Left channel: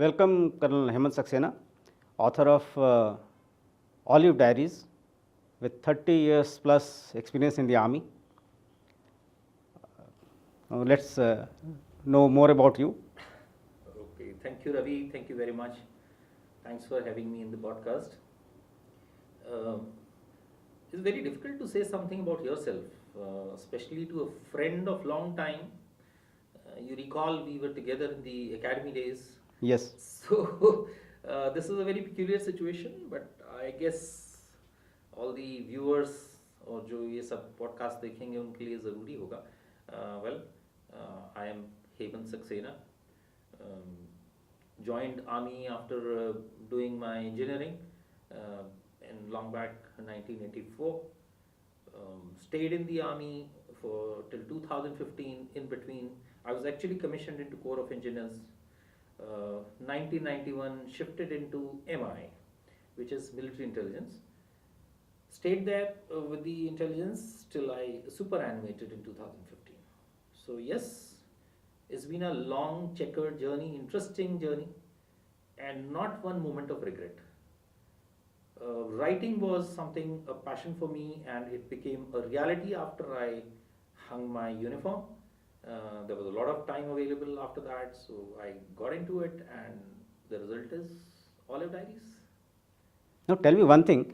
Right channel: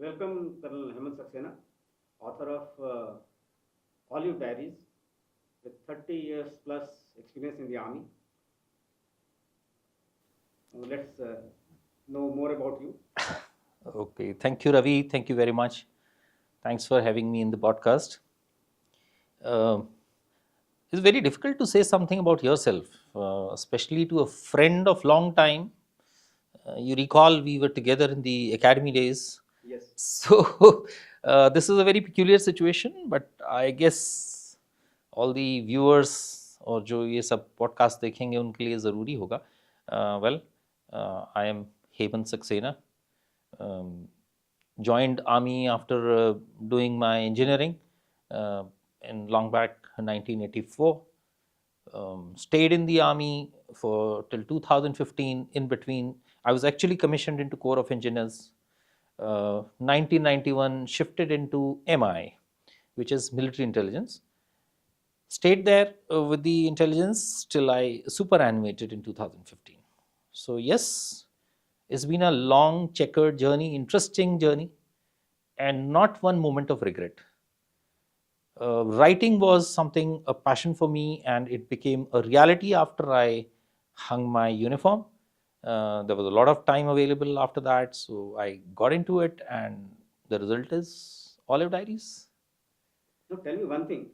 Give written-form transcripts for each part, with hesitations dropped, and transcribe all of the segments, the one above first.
Welcome, Colonel Hemant Saxena, author of Olive Diaries, with 30 years plus experience in the army. Now let's know more about you. Okay, thank you, Ravi. Thank you very much. Thanks for having me in the podcast. Uh, it's very difficult to say something about yourself, especially to a friend of long time. You recall we were together in the academy days. Yes. So this is a very peculiar situation, but I guess all the viewers और जो ये सब podcast देखेंगे उनके लिए ज़रूरी होगा. I am Hemant Saxena. Joined army after doing my engineering in long back 1984. Stayed in the army for till 2015. In between, I was actually commissioned into Corps of Engineers. 1991 shifted into MI, which is military intelligence. Stayed there with the intelligence till I superannuated in 2015. So yes, it's been a long checkered journey, interesting journey, and not one moment of regret. Writing was something, a passion for me, and it became a reality after I hung my uniform. There was a lot of time available after that, so I got into it, and the result is Olive Diaries. Now tell me one thing.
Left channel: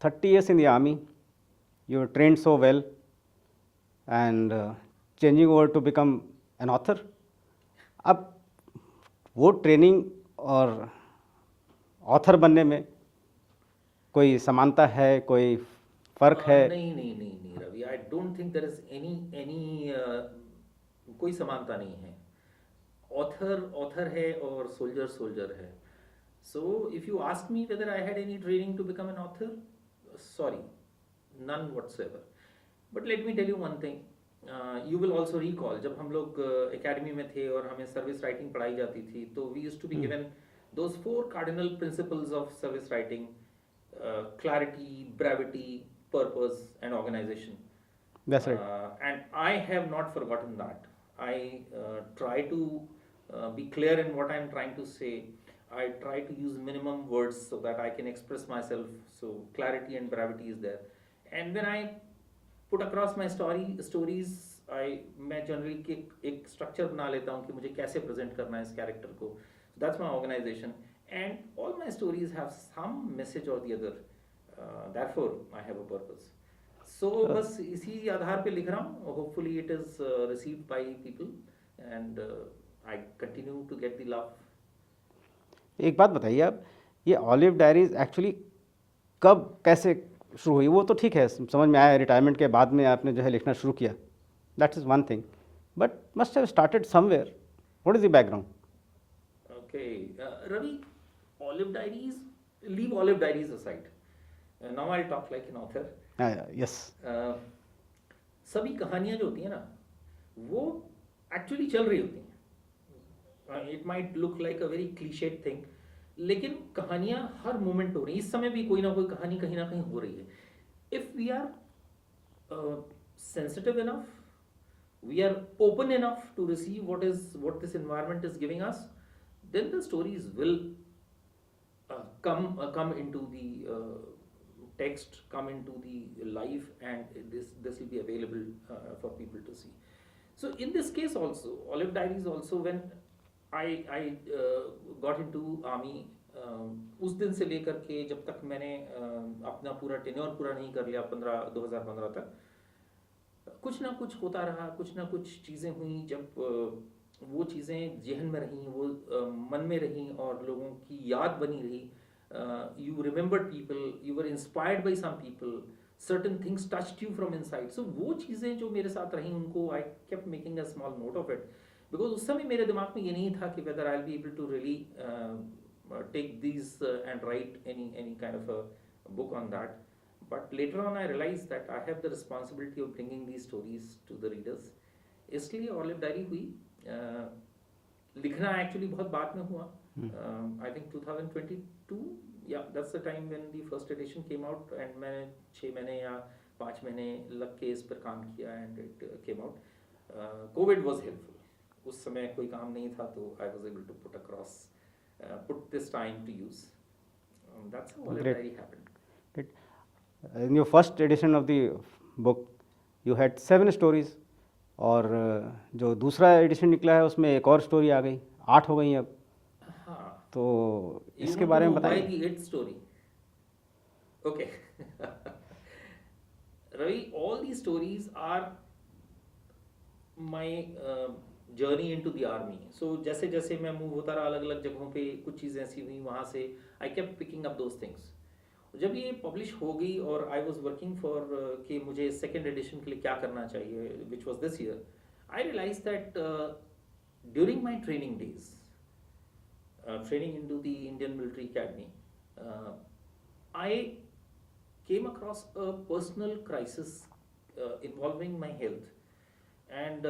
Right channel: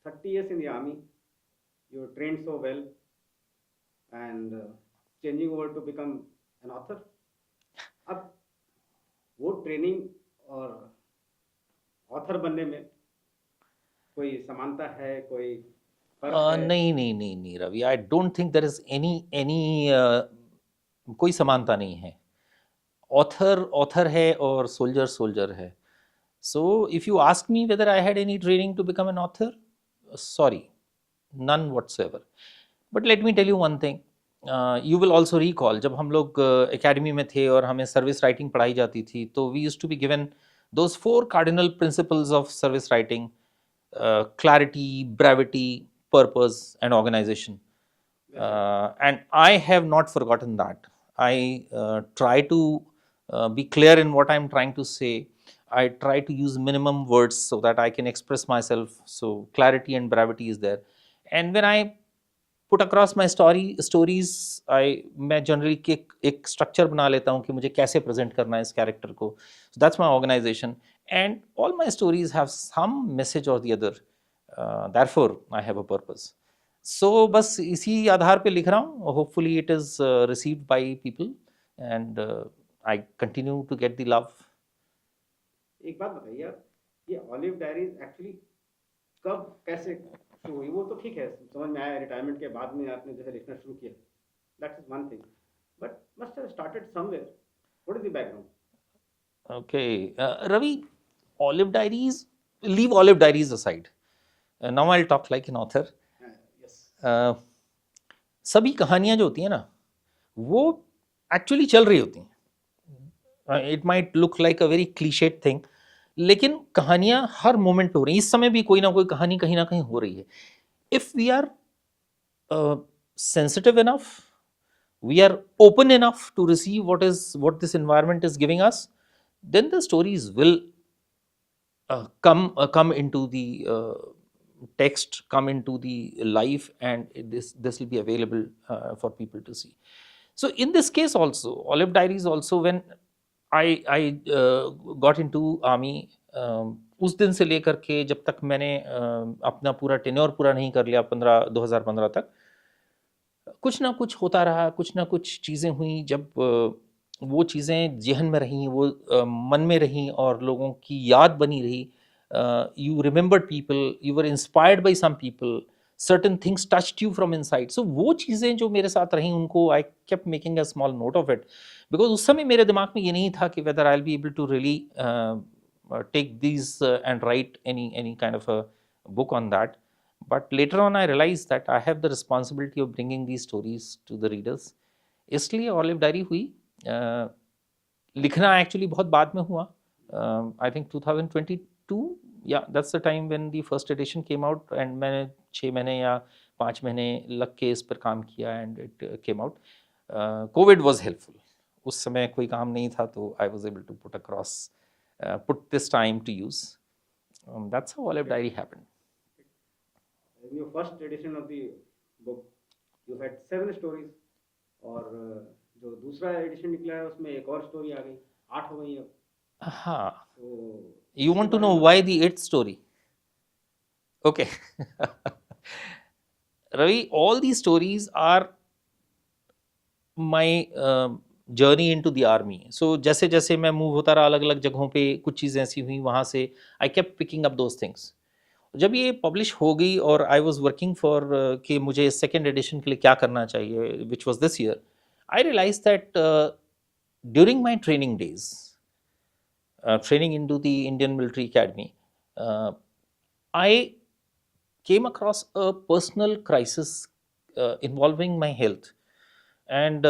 30 years in the army, you were trained so well, and changing over to become an author. अब वो training और author बनने में कोई समानता है, कोई फर्क है? नहीं Ravi, I don't think there is any कोई समानता नहीं है. ऑथर है और सोल्जर है. So if you ask me whether I had any training to become an author, sorry, none whatsoever. But let me tell you one thing. You will also recall जब हम लोग एकेडमी में थे और हमें सर्विस राइटिंग पढ़ाई जाती थी, तो we used to be given those 4 cardinal principles of service writing: clarity, brevity, purpose, and organization. That's right. And I have not forgotten that. I try to be clear in what I'm trying to say. I try to use minimum words so that I can express myself. So clarity and brevity is there. And when I put across my stories, मैं generally एक structure बना लेता हूँ कि मुझे कैसे present करना है इस character को. So that's my organization. And all my stories have some message or the other. Therefore, I have a purpose. So बस इसी आधार पे लिख रहा हूँ. Hopefully it is received by people, and I continue to get the love. एक बात बताइए आप, ये ऑलिव डायरीज एक्चुअली कब कैसे शुरू हुई? वो तो ठीक है, समझ में आया, रिटायरमेंट के बाद में आपने जो है लिखना शुरू किया, that is one thing, but must have started somewhere. What is the background? Okay, Ravi, Olive Diaries, leave Olive Diaries aside. Now I'll talk like an author. Yes. सभी कहानियाँ जो होती हैं ना, वो एक्चुअली चल रही होती हैं. It might look like a very clichéd thing, लेकिन कहानियाँ हर मोमेंट हो रही हैं. इस समय भी कोई ना कोई कहानी कहीं ना कहीं हो रही है. If we are sensitive enough, we are open enough to receive what this environment is giving us, then the stories will come into the text, come into the life, and this will be available for people to see. So in this case also, Olive Diaries also, when I got into army, उस दिन से लेकर के जब तक मैंने अपना पूरा टेन्योर पूरा नहीं कर लिया 2015 तक, कुछ ना कुछ होता रहा, कुछ ना कुछ चीज़ें हुई. जब वो चीज़ें जहन में रहीं, वो मन में रहीं और लोगों की याद बनी रही. You remembered people, you were inspired by some people, certain things touched you from inside. So वो चीज़ें जो मेरे साथ रहीं, उनको I kept making a small note of it, because उस समय मेरे दिमाग में ये नहीं था कि whether I will be able to really take these and write any kind of a book on that. But later on I realized that I have the responsibility of bringing these stories to the readers. इसलिए olive diary हुई. लिखना actually बहुत बाद में हुआ. I think 2022, या that's the time when the first edition came out, and मैंने 6 महीने या 5 महीने लग के इस पर काम किया, and it came out. Covid was helpful. उस समय कोई काम नहीं था, तो I was able to put across, put this time to use. That's how Olive Great. Diary happened. Great. In your first edition of the book, you had 7 stories, और जो दूसरा एडिशन निकला है उसमें एक और स्टोरी आ गई, 8 हो गई अब. हाँ. तो You इसके want to बारे know में why बताइए. the eighth story? Okay. Ravi, all these stories are my journey into the army. So जैसे जैसे मैं मूव होता रहा अलग अलग जगहों पे, कुछ चीज़ें ऐसी हुई वहाँ से, I kept picking up those things. जब ये पब्लिश हो गई और आई वॉज वर्किंग फॉर कि मुझे सेकेंड एडिशन के लिए क्या करना चाहिए, which was this year, I realize that during my training days, training into the Indian Military Academy, I came across a personal crisis involving my health, and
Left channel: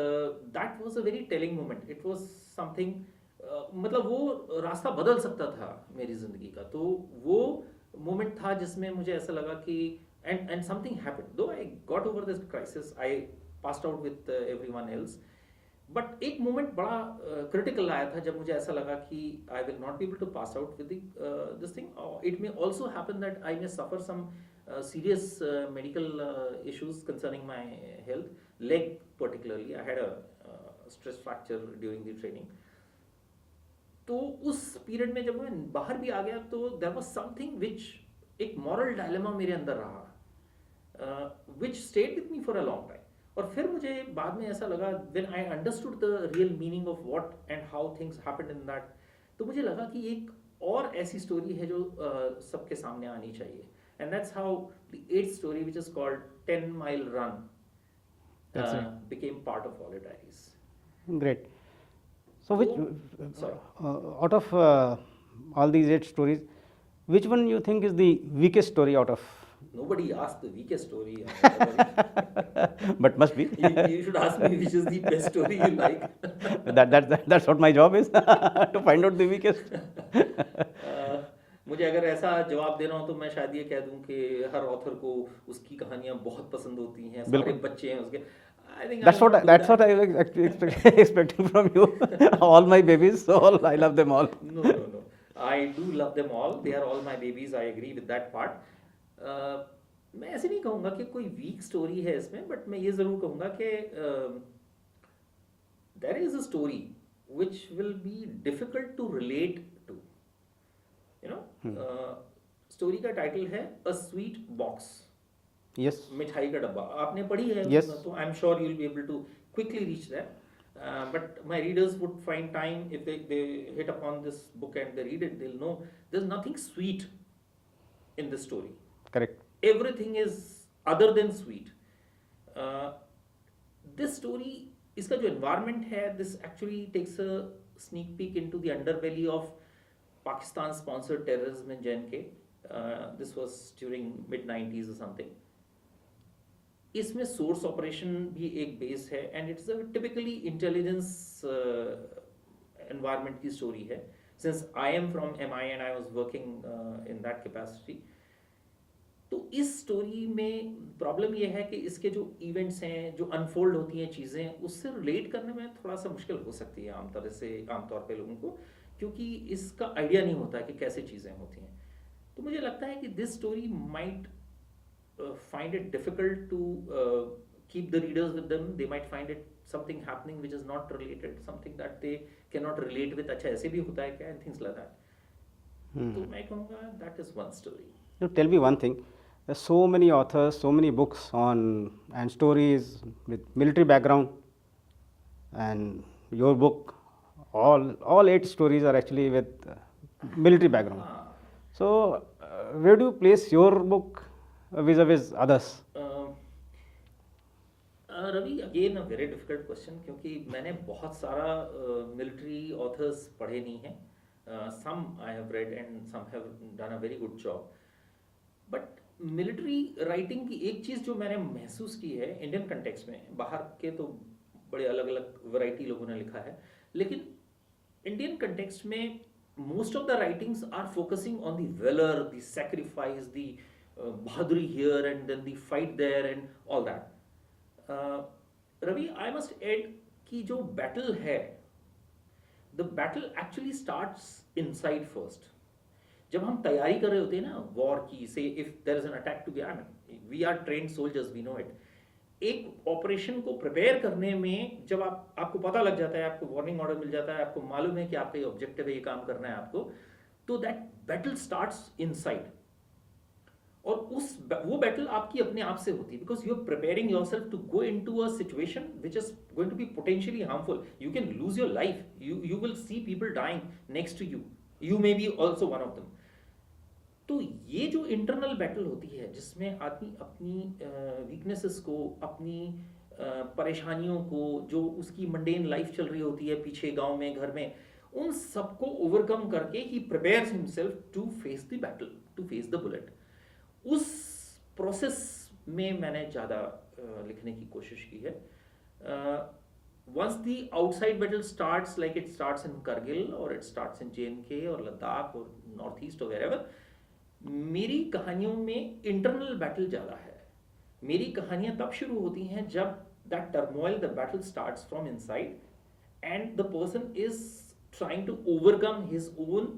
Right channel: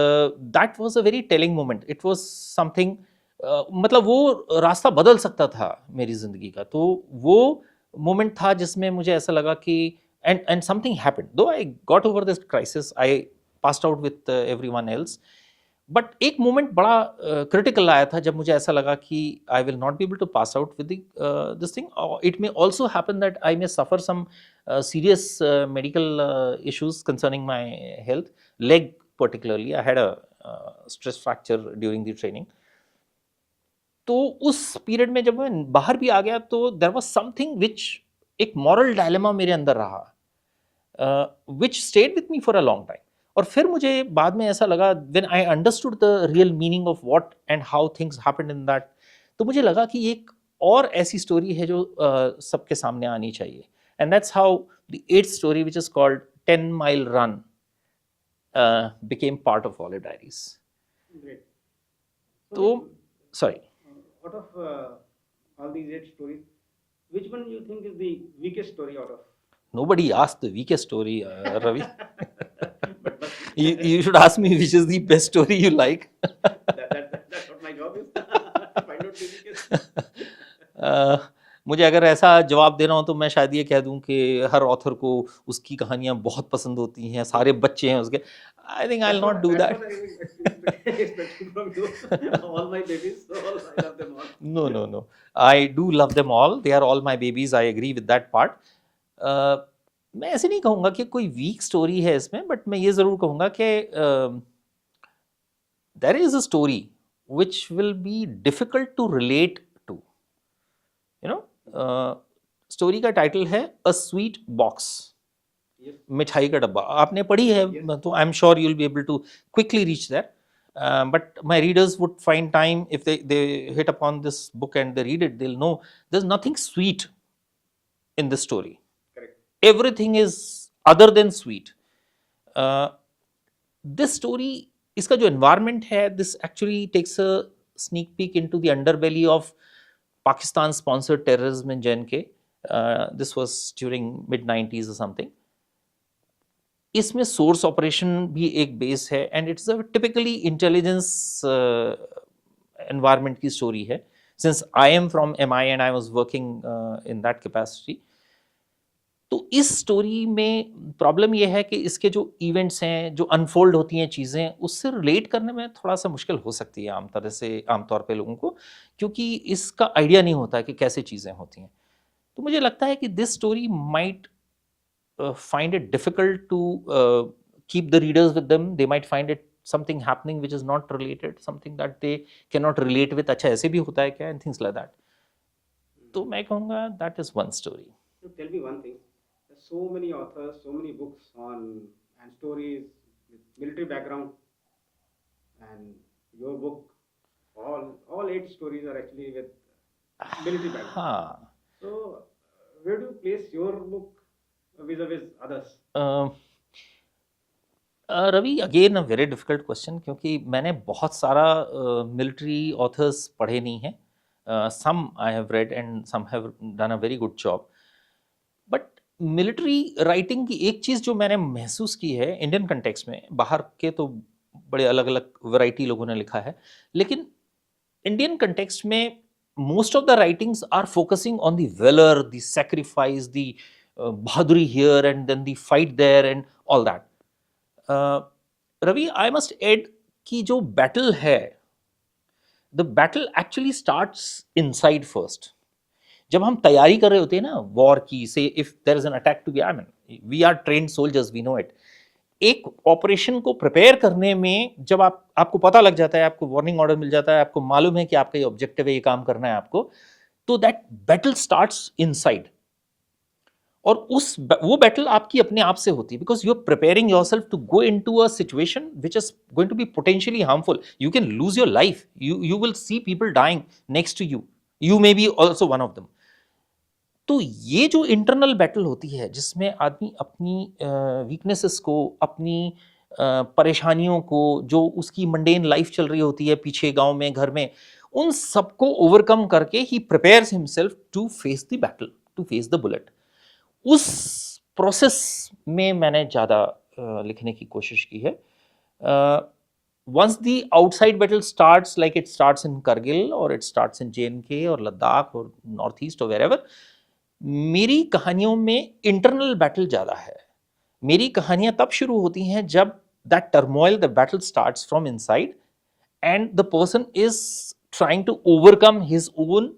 that was a very telling moment. It was something, मतलब वो रास्ता बदल सकता था मेरी ज़िंदगी का. तो वो मोमेंट था जिसमें मुझे ऐसा लगा कि and something happened. Though I got over this crisis, I passed out with everyone else. But एक मोमेंट बड़ा क्रिटिकल आया था जब मुझे ऐसा लगा कि I will not be able to pass out with this thing. It may also happen that I may suffer some serious medical issues concerning my health, leg particularly. I had a stress fracture during the training. तो उस period में जब मैं बाहर भी आ गया तो there was something which, एक मॉरल डायलेमा मेरे अंदर रहा, which stayed with me for a long time. और फिर मुझे बाद में ऐसा लगा, when I understood the real meaning of what and how things happened in that, तो मुझे लगा कि एक और ऐसी स्टोरी है जो सबके सामने आनी चाहिए. And that's how the eighth story, which is called 10 Mile Run, became part of Olive Diaries. Great. So, So, which, sorry. Out of all these 8 stories, which one you think is the weakest story out of? Nobody asked the weakest story, Ravi. But must be. You should ask me which is the best story you like. That's what my job is, to find out the weakest. मुझे अगर ऐसा जवाब देना हो तो मैं शायद ये कह दूं कि हर ऑथर को उसकी कहानियां बहुत पसंद होती हैं, सारे बच्चे हैं उसके. I think I'll not do that. That's what I was expecting from you. All my babies, so I love them all. No. I do love them all. They are all my babies. I agree with that part. मैं ऐसे नहीं कहूँगा कि कोई week story है इसमें, but मैं ये ज़रूर कहूँगा कि there is a story which will be difficult to relate to. You know, story का टाइटल है अ स्वीट बॉक्स. Yes. मिठाई का डब्बा. आपने पढ़ी है? Yes. तो I am sure you will be able to quickly reach that. But my readers would find time if they hit upon this book and they read it, they'll know there's nothing sweet in this story. Correct. Everything is other than sweet. This story, इसका जो environment है, this actually takes a sneak peek into the underbelly of Pakistan sponsored terrorism in J&K. This was during mid-90s or something. इसमें source operation भी एक base है, and it's a typically intelligence environment की story है. Since I am from MI and I was working in that capacity, तो इस story में problem ये है कि इसके जो इवेंट्स हैं, जो अनफोल्ड होती हैं चीज़ें, उससे रिलेट करने में थोड़ा सा मुश्किल हो सकती है आमतौर पे लोगों को, क्योंकि इसका आइडिया नहीं होता है कि कैसे चीज़ें होती हैं. तो मुझे लगता है कि this story might find it difficult to keep the readers with them. They might find it something happening which is not related, something that they cannot relate with. अच्छा ऐसे भी होता है क्या, and things like that. तो मैं कहूँगा that is one story. You tell me one thing. There's so many authors, so many books on and stories with military background, and your book, all 8 stories are actually with military background. हाँ. So where do you place your book vis-a-vis others? Ravi, again a very difficult question, क्योंकि मैंने बहुत सारा military authors पढ़े नहीं हैं. Some I have read and some have done a very good job. But military writing की एक चीज़ जो मैंने महसूस की है इंडियन कंटेक्स्ट में, बाहर के तो बड़े अलग अलग वैरायटी लोगों ने लिखा है, लेकिन इंडियन कंटेक्स्ट में most of the writings are focusing on the valour, the sacrifice, the बहादुरी here and then the fight there and all that. Ravi, I must add कि जो बैटल है the battle actually starts inside first. जब हम तैयारी कर रहे होते हैं ना वॉर की, so if there is an attack to be, I mean we are trained soldiers, we know it. एक ऑपरेशन को प्रिपेयर करने में जब आपको पता लग जाता है, आपको वार्निंग ऑर्डर मिल जाता है, आपको मालूम है कि आपका ये ऑब्जेक्टिव है, ये काम करना है आपको, तो दैट बैटल स्टार्ट्स इनसाइड। और वो बैटल आपकी अपने आप से होती है, because you are preparing yourself to go into a situation which is going to be potentially harmful. You can lose your life, you will see people dying next to you, you may be also one of them. तो ये जो internal battle होती है, जिसमें आदमी अपनी weaknesses को, अपनी परेशानियों को, जो उसकी मंडेन लाइफ चल रही होती है पीछे गांव में, घर में, उन सबको ओवरकम करके ही prepares himself to face the battle, to face the bullet. उस प्रोसेस में मैंने ज़्यादा लिखने की कोशिश की है। Once the outside battle starts, like it starts in Kargil और इट स्टार्ट्स इन JNK और लद्दाख और नॉर्थ ईस्ट और वेरेवर, मेरी कहानियों में इंटरनल बैटल ज़्यादा है। मेरी कहानियाँ तब शुरू होती हैं जब that turmoil, the battle starts from inside and the person is trying to overcome his own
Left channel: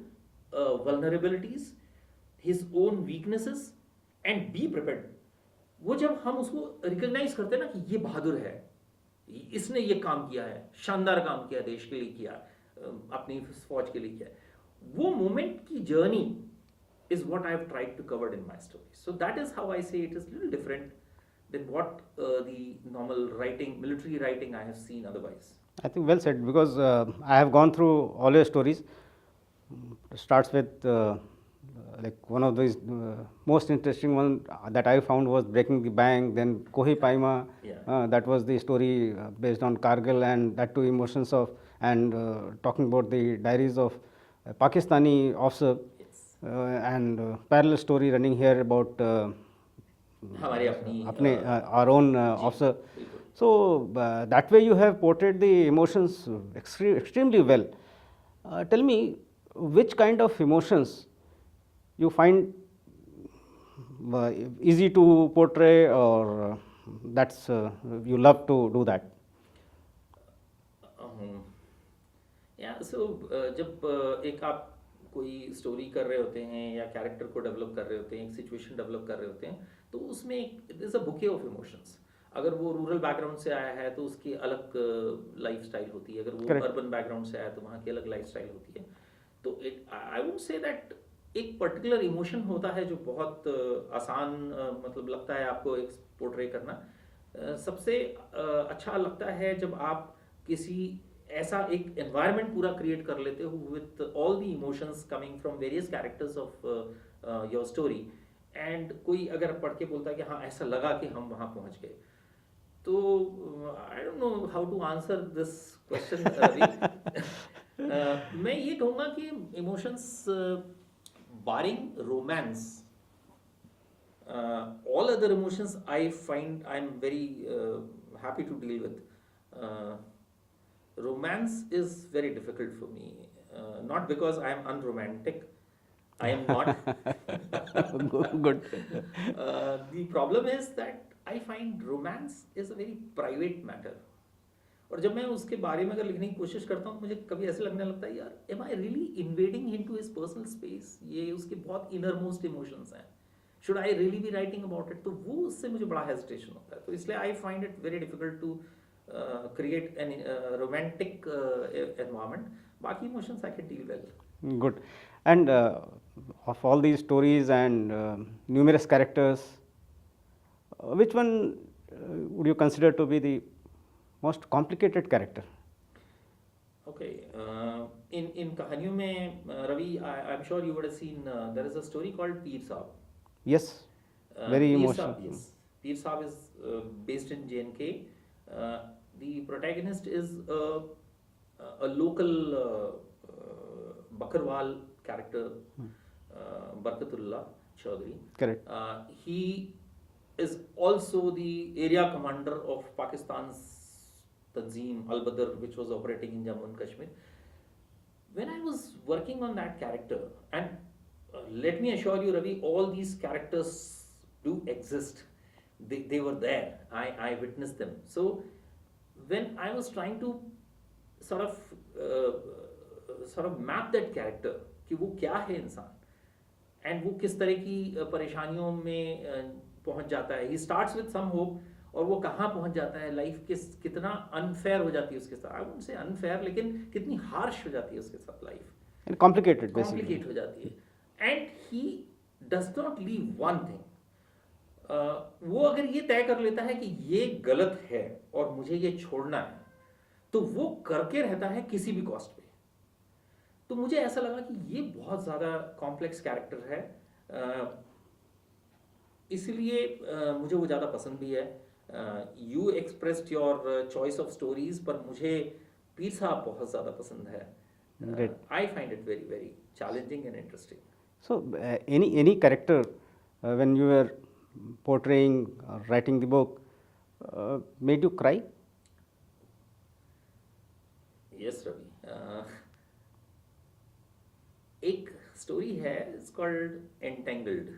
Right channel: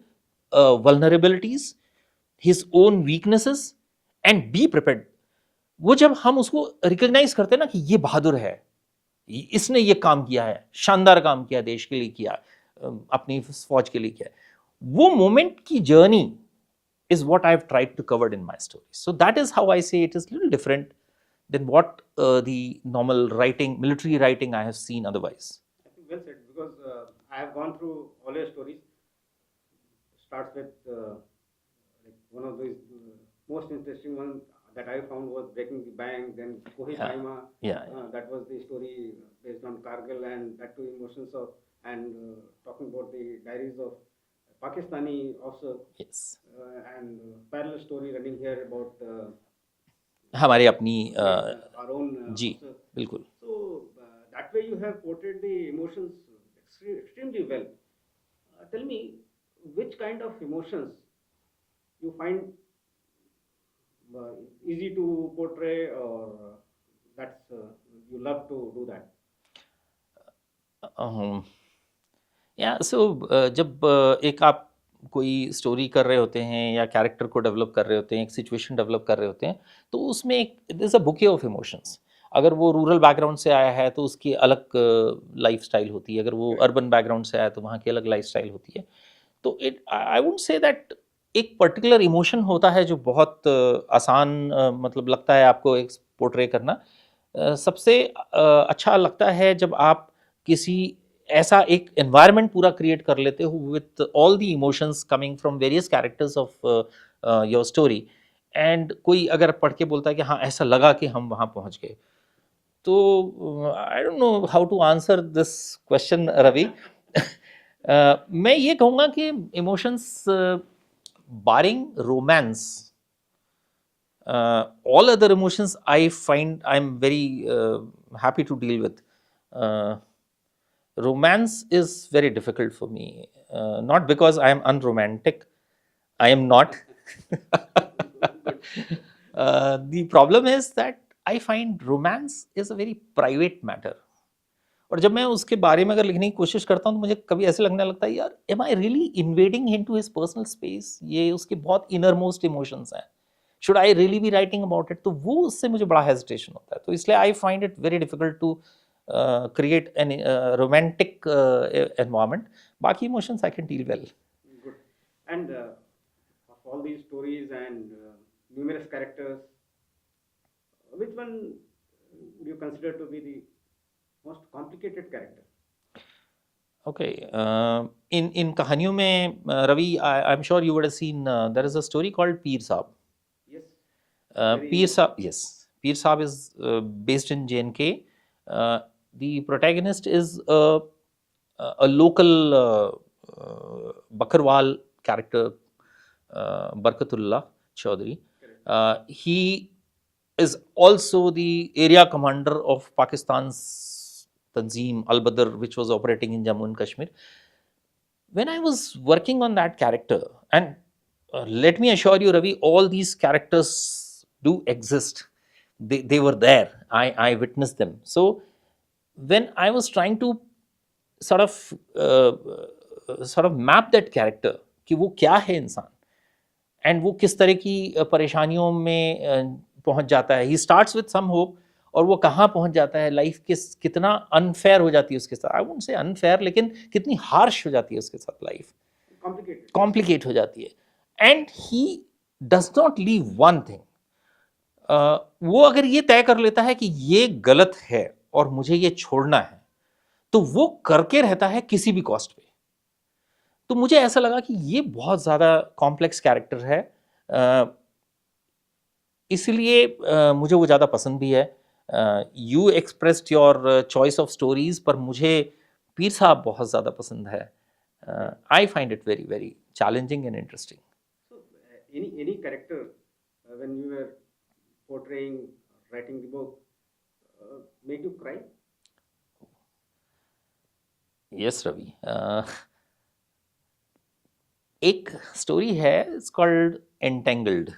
vulnerabilities, his own weaknesses and be prepared. वो जब हम उसको रिकॉग्नाइज करते हैं ना कि ये बहादुर है, इसने ये काम किया है, शानदार काम किया, देश के लिए किया, अपनी फौज के लिए किया, वो मोमेंट की journey is what I've tried to cover in my stories. So that is how I say it is a little different than what the normal writing, military writing I have seen otherwise. I think well said, because I have gone through all your stories. It starts with like one of these most interesting one that I found was Breaking the Bank, then Kohi Paima. Yeah. That was the story based on Kargil, and that too emotions of, and talking about the diaries of a Pakistani officer. Yes. And parallel story running here about हमारे अपनी our own officer. बिल्कुल। So that way you have portrayed the emotions extremely well. Tell me, which kind of emotions you find easy to portray, or that's you love to do that? या सो जब एक आप कोई story कर रहे होते हैं या कैरेक्टर को डेवलप कर रहे होते हैं, एक सिचुएशन डेवलप कर रहे होते हैं, तो उसमें एक this a bouquet of emotions. अगर वो रूरल बैकग्राउंड से आया है तो उसकी अलग लाइफ स्टाइल होती है, अगर वो अर्बन बैकग्राउंड से आया तो वहाँ की अलग लाइफ स्टाइल होती है। तो it I would say that एक पर्टिकुलर इमोशन होता है जो बहुत आसान मतलब लगता है आपको एक पोर्ट्रे करना। सबसे अच्छा लगता है जब आप किसी ऐसा एक एनवायरनमेंट पूरा क्रिएट कर लेते हो with all the emotions coming from various characters of your story, and कोई अगर पढ़ के बोलता है कि हाँ ऐसा लगा कि हम वहाँ पहुँच गए, तो I don't know how to answer this question Ravi. मैं ये कहूँगा कि emotions barring romance, all other emotions I find I'm very happy to deal with. Romance is very difficult for me, not because I am unromantic. I am not. Good. The problem is that I find romance is a very private matter. और जब मैं उसके बारे में अगर लिखने की कोशिश करता हूँ तो मुझे कभी ऐसे लगने लगता है यार am I really invading into his personal space? ये उसके बहुत innermost emotions हैं. Should I really be writing about it? तो वो उससे मुझे बड़ा hesitation होता है, तो इसलिए I find it very difficult to create an romantic environment. बाकी emotions I can deal well. Good. And of all these stories and numerous characters, which one would you consider to be the most complicated character? Okay. In कहानियों में Ravi, I'm sure you would have seen there is a story called Peer Saab. Yes. Peer Saab, yes. Peer Saab is based in JNK. The protagonist is a local Bakarwal character, Barkatullah Chaudhary. Correct. He is also the area commander of Pakistan's Tanzim Al-Badr, which was operating in Jammu and Kashmir. When I was working on that character, and let me assure you, Ravi, all these characters do exist. They were there. I witnessed them. So when I was trying to sort of sort of map that character कि वो क्या है इंसान and वो किस तरह की परेशानियों में पहुंच जाता है. He starts with some hope और वो कहाँ पहुंच जाता है, लाइफ कितना अनफेयर हो जाती है उसके साथ. आई वुडंट से अनफेयर, लेकिन कितनी हार्श हो जाती है उसके साथ लाइफ, And complicated. कॉम्प्लिकेट हो जाती है. And he does not leave one thing. वो अगर ये तय कर लेता है कि ये गलत है और मुझे ये छोड़ना है, तो वो करके रहता है किसी भी कॉस्ट पे. तो मुझे ऐसा लगा कि ये बहुत ज़्यादा कॉम्प्लेक्स कैरेक्टर है, इसलिए मुझे वो ज़्यादा पसंद भी है. You expressed your choice of stories, पर मुझे पीर साहब बहुत ज़्यादा पसंद है. I find it very very challenging and interesting. So, any character when you were portraying or writing the book made you cry? Yes Ravi, एक स्टोरी है, it's called entangled.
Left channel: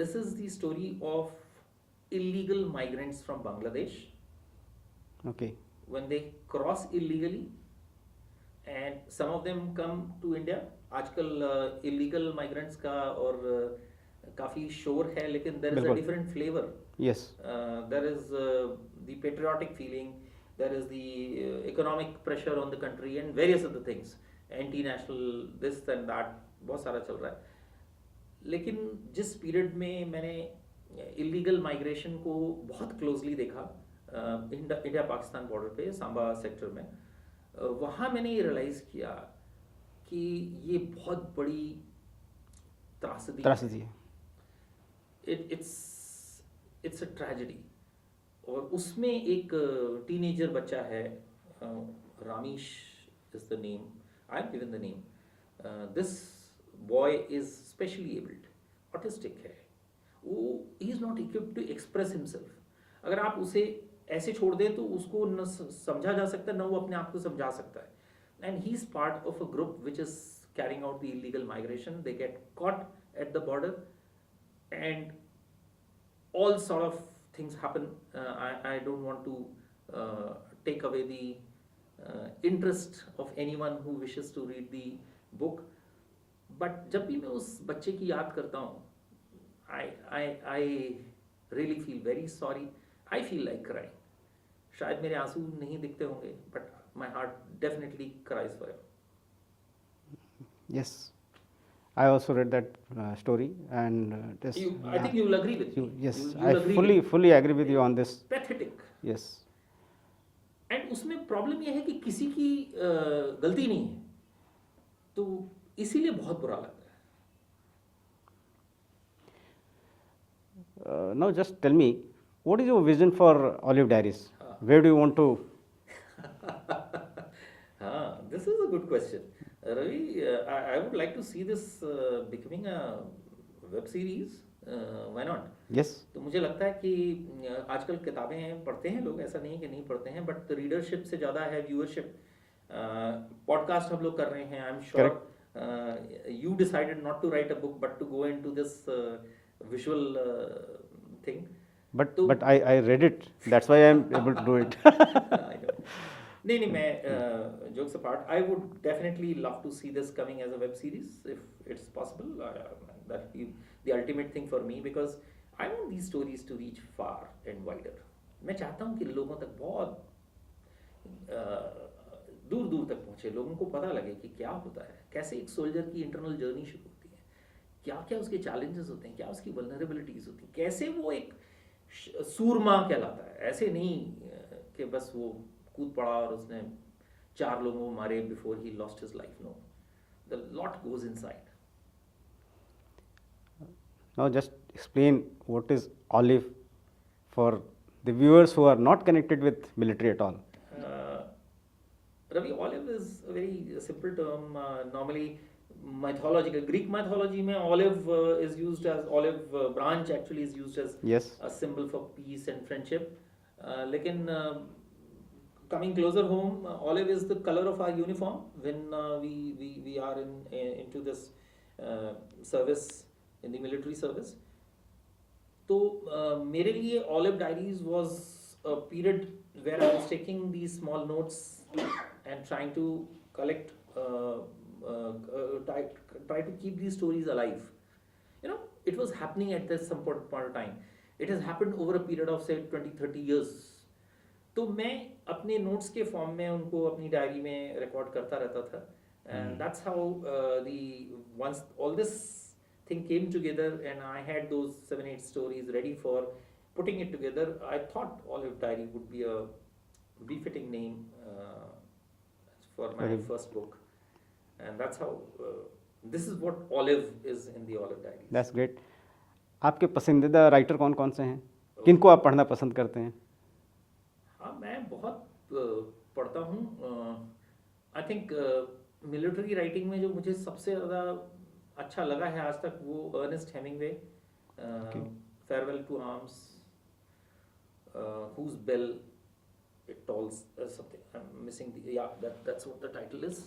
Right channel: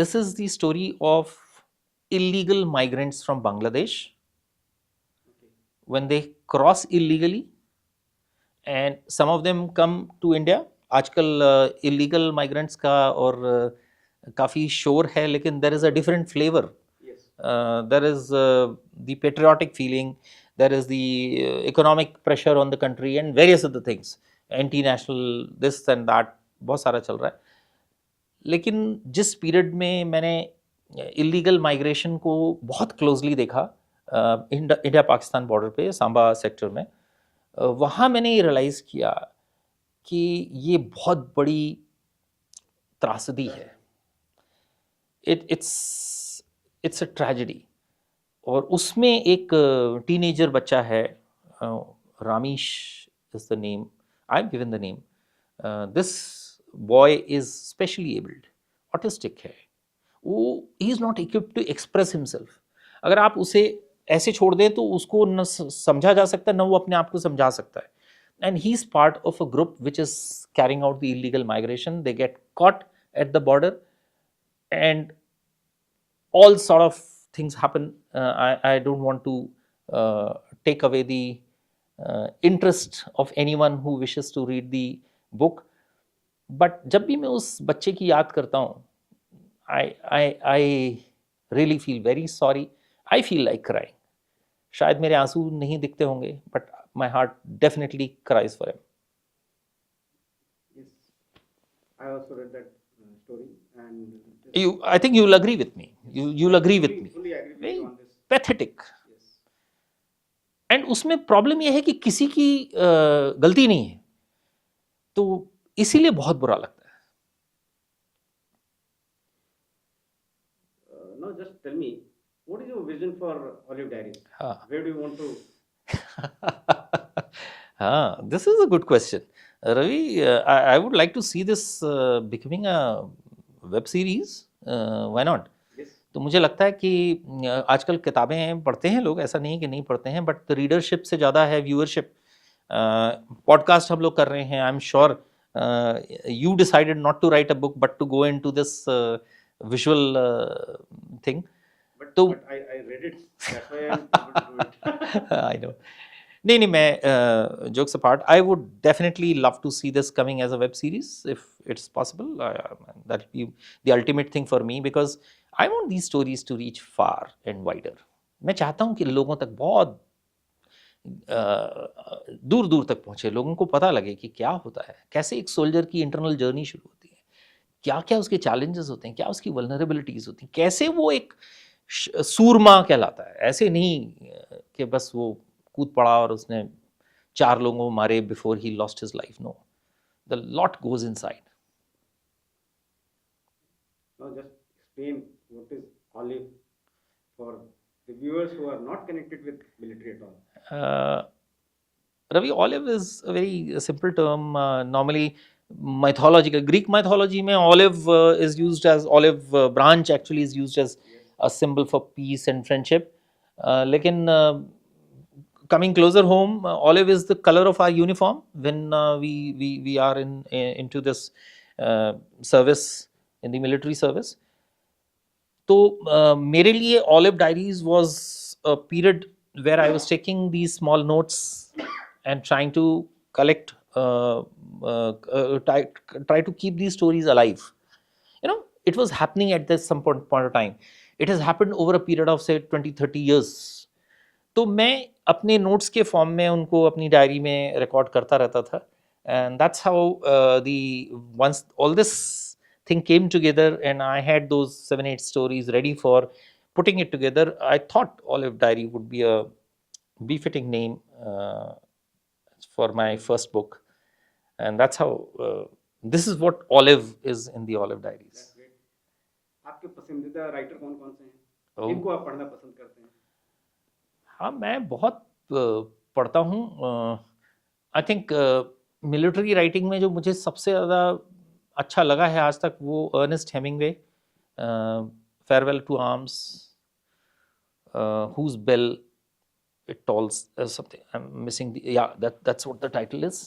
This is the story of illegal migrants from Bangladesh Okay. when they cross illegally and some of them come to India. आजकल illegal migrants का और काफ़ी शोर है, लेकिन there is a different flavor. Yes. There is the patriotic feeling, there is the economic pressure on the country and various other things, anti-national this and that, बहुत सारा चल रहा है. लेकिन जिस पीरियड में मैंने इलीगल माइग्रेशन को बहुत क्लोजली देखा इंडिया पाकिस्तान बॉर्डर पे सांबा सेक्टर में, वहाँ मैंने ये रियलाइज़ किया कि ये बहुत बड़ी त्रासदी है. It's a tragedy. और उसमें एक टीनेजर बच्चा है, Ramish is the name, I have given the name. This boy is specially abled, autistic है. वो he is not equipped to express himself. अगर आप उसे ऐसे छोड़ दें तो उसको न समझा जा सकता है, न वो अपने आप को समझा सकता है. And he is part of a group which is carrying out the illegal migration. They get caught at the border and all sort of things happen. I don't want to take away the interest of anyone who wishes to read the book. But जब भी मैं उस बच्चे की याद करता हूँ, I really feel very sorry. I feel like crying. शायद मेरे आंसू नहीं दिखते होंगे, but my heart definitely cries for him. Yes. I also read that story, and I think you'll agree with me. Yes, You'll agree with me. fully agree with you on this. Pathetic. Yes. And उसमें problem यह है कि किसी की गलती नहीं है, तो इसीलिए बहुत बुरा लगता है. Now just tell me, what is your vision for Olive Diaries? Where do you want to? This is a good question. Ravi, I would like to see this becoming a web series. Why not? Yes. तो मुझे लगता है कि आजकल किताबें पढ़ते हैं लोग, ऐसा नहीं है कि नहीं पढ़ते हैं, बट रीडरशिप से ज़्यादा है व्यूअरशिप. पॉडकास्ट हम लोग कर रहे हैं. आई am sure you decided not to write a book but to go into this visual thing. But I read it. That's why I am able to do it. I know. नहीं, मैं jokes apart, I would definitely love to see this coming as a web series if it's possible. That would be the ultimate thing for me, because I want these stories to reach far and wider. मैं चाहता हूँ कि लोगों तक बहुत दूर दूर तक पहुँचे, लोगों को पता लगे कि क्या होता है, कैसे एक सोल्जर की इंटरनल जर्नी शुरू होती है, क्या क्या उसके चैलेंजेस होते हैं, क्या उसकी वल्नरेबिलिटीज़ होती हैं, कैसे वो एक सूरमा कहलाता है. ऐसे नहीं कि बस वो कूद पड़ा और उसने 4 लोगों को मारे before he lost his life. No, the lot goes inside. Now just explain what is Olive for the viewers who are not connected with military at all. Ravi, olive is a very simple term. Normally mythological Greek mythology में olive is used as olive branch actually is used as Yes. a symbol for peace and friendship. लेकिन coming closer home, olive is the color of our uniform when we are into this service, in the military service. तो मेरे लिए Olive Diaries was a period where I was taking these small notes and trying to collect, try to keep these stories alive. You know, it was happening at this some point of time. It has happened over a period of say 20-30 years. तो मैं अपने notes के form में उनको अपनी diary में record करता रहता था, and that's how the ones all this thing came together and I had those 7-8 stories ready for putting it together. I thought Olive Diary would be a befitting name for my first book, and that's how this is what Olive is in the Olive Diaries. That's great. आपके पसंदीदा writer कौन कौन से हैं? किनको आप पढ़ना पसंद करते हैं? हाँ, मैं बहुत पढ़ता हूँ. आई थिंक मिलिट्री राइटिंग में जो मुझे सबसे ज़्यादा अच्छा लगा है आज तक वो Ernest Hemingway, farewell to arms, whose bell it tolls something, I am missing the, या that's what the title is.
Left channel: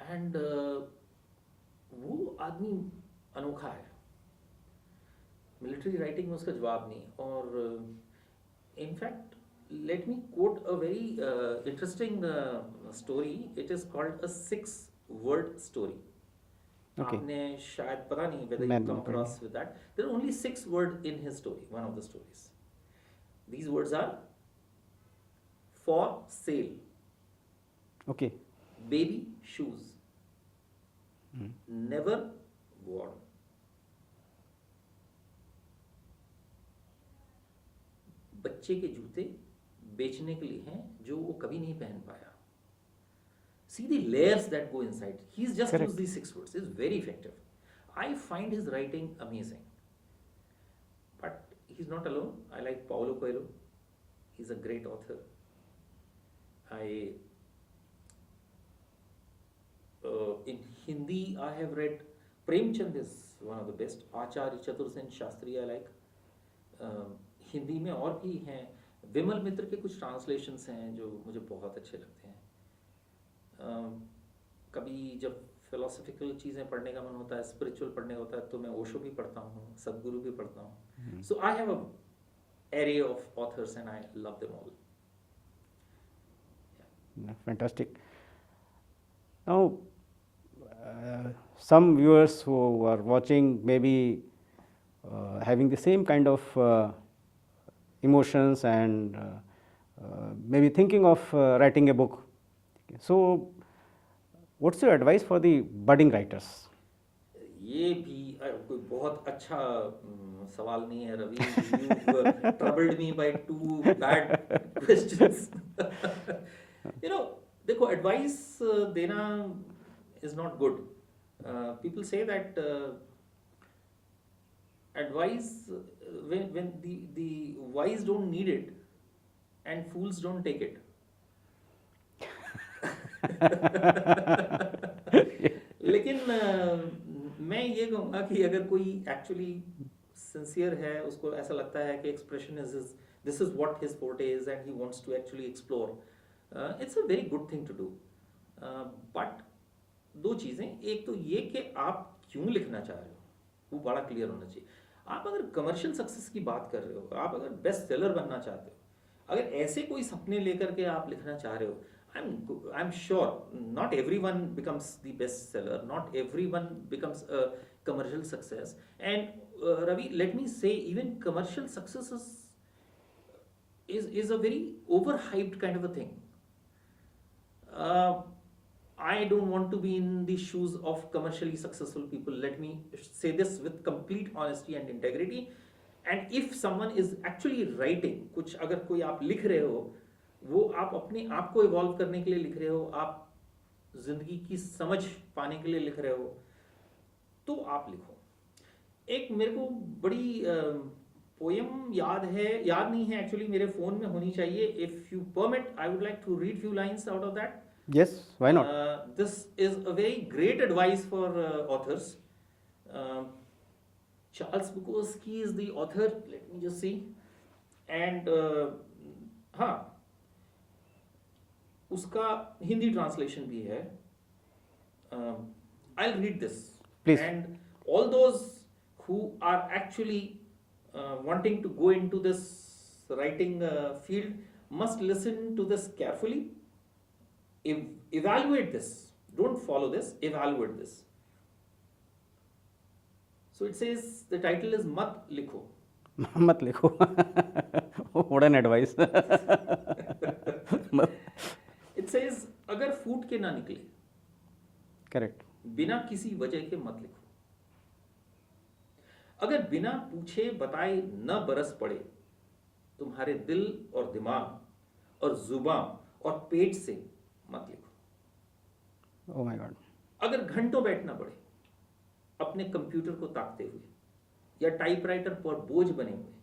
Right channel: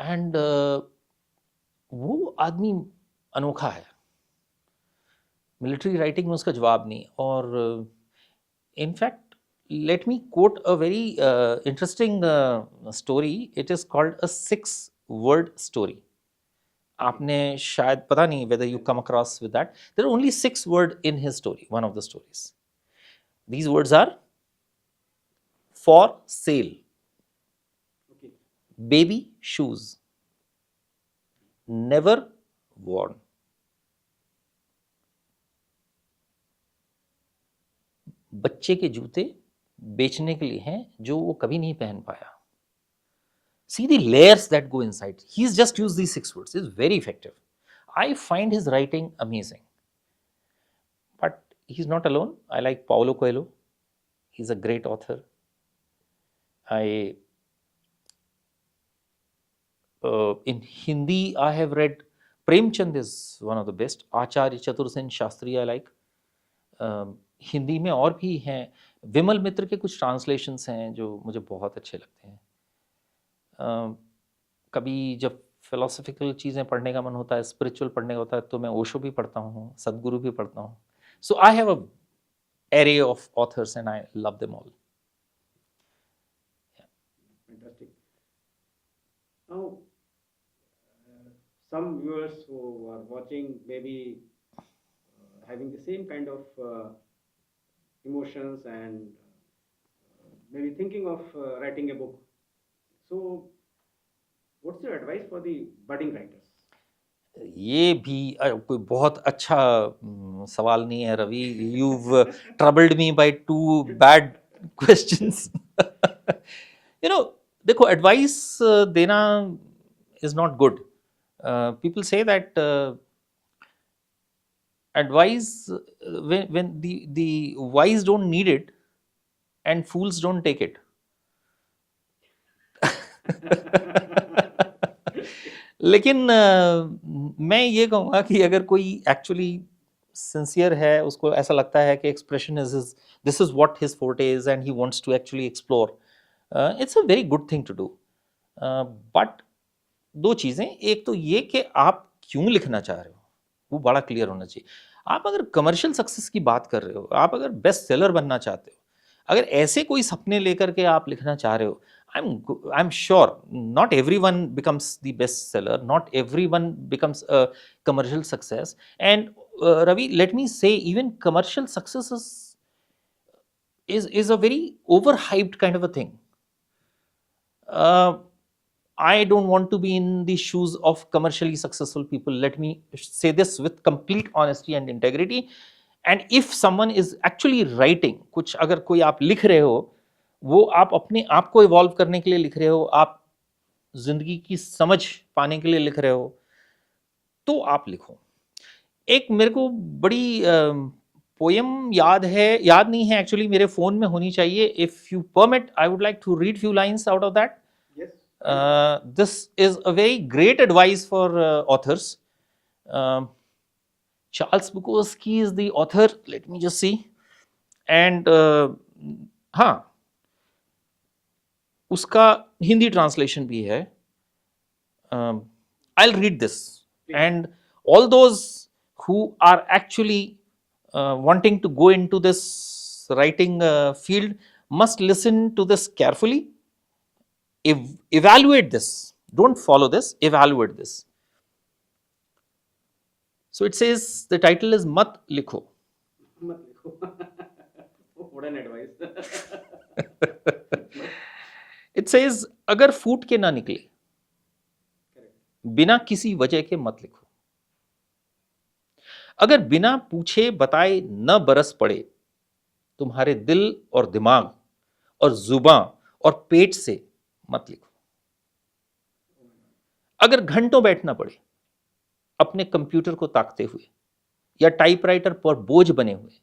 And वो आदमी अनोखा है, मिलिट्री राइटिंग में उसका जवाब नहीं. और in fact let me quote a very interesting story. It is called a 6-word story. आपने शायद पता नहीं whether you come across with that. There are only 6 words in his story, one of the stories. These words are for sale, Okay. baby shoes, never worn, बच्चे के जूते बेचने के लिए हैं जो वो कभी नहीं पहन पाया. See the layers that go inside. He's just used these 6 words. It's very effective. I find his writing amazing. But he's not alone. I like Paulo Coelho. He's a great author. In Hindi, I have read Premchand is one of the best. Acharya Chatur Sen Shastri I like. Hindi में और भी हैं. विमल मित्र के कुछ translations हैं जो मुझे बहुत अच्छे लगते हैं. कभी जब फिलोसफिकल चीज़ें पढ़ने का मन होता है, स्पिरिचुअल पढ़ने का होता है, तो मैं ओशो भी पढ़ता हूँ, सदगुरु भी पढ़ता हूँ. So I have a array of authors and I love them all. Fantastic. Now, some viewers who are watching may be having the same kind of emotions and maybe thinking of writing a book. So, what's your advice for the budding writers? ये भी कोई बहुत अच्छा सवाल नहीं है Ravi. You've troubled me by 2 bad questions. You know, देखो advice देना is not good. People say that advice when the wise don't need it and fools don't take it. लेकिन मैं ये कहूँगा कि अगर कोई एक्चुअली सिंसियर है, उसको ऐसा लगता है कि expression is this is what his forte is and he wants to actually explore, it's a very good thing to do. But 2 चीज़ें, एक तो ये कि आप क्यों लिखना चाह रहे हो वो बड़ा क्लियर होना चाहिए. आप अगर कमर्शियल सक्सेस की बात कर रहे हो, आप अगर बेस्ट सेलर बनना चाहते हो, अगर ऐसे कोई सपने लेकर के आप लिखना चाह रहे हो, I'm sure not everyone becomes the best seller, not everyone becomes a commercial success. And Ravi, let me say, even commercial success is a very overhyped kind of a thing. I don't want to be in the shoes of commercially successful people. Let me say this with complete honesty and integrity. And if someone is actually writing, कुछ अगर कोई आप लिख रहे हो, वो आप अपने आप को इवॉल्व करने के लिए लिख रहे हो, आप जिंदगी की समझ पाने के लिए लिख रहे हो, तो आप लिखो. एक मेरे को बड़ी पोएम याद नहीं है एक्चुअली, मेरे फोन में होनी चाहिए. If you permit, I would like to read few lines out of that. Yes, why not? This is a very great advice for authors. Charles Bukowski is the author. Let me just see. And हाँ, उसका Hindi translation भी है. I'll read this. Please. And all those who are actually wanting to go into this writing field must listen to this carefully, evaluate this, don't follow this, evaluate this. So it says, the title is mat likho. मत लिखो what an advice It says, अगर फूट के ना निकले, correct बिना किसी वजह के मत लिखो। अगर बिना पूछे बताए न बरस पड़े तुम्हारे दिल और दिमाग और जुबां और पेट से, मत लिखो। ओह माय गॉड अगर घंटों बैठना पड़े अपने कंप्यूटर को ताकते हुए या टाइपराइटर पर बोझ बने हुए